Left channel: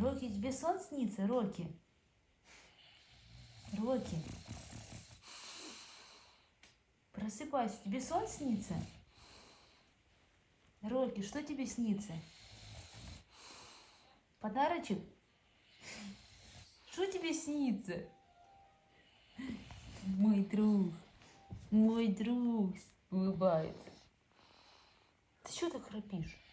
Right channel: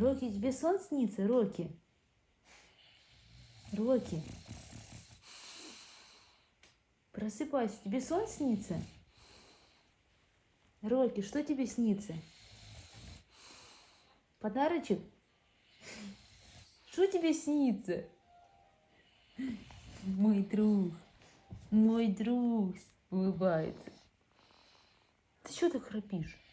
Роки, тебе сон снится, Роки? Роки, просыпайся, тебе сон снится? Роки, что тебе снится? Подарочек? Что тебе снится? Мой друг улыбается. Ты что так храпишь?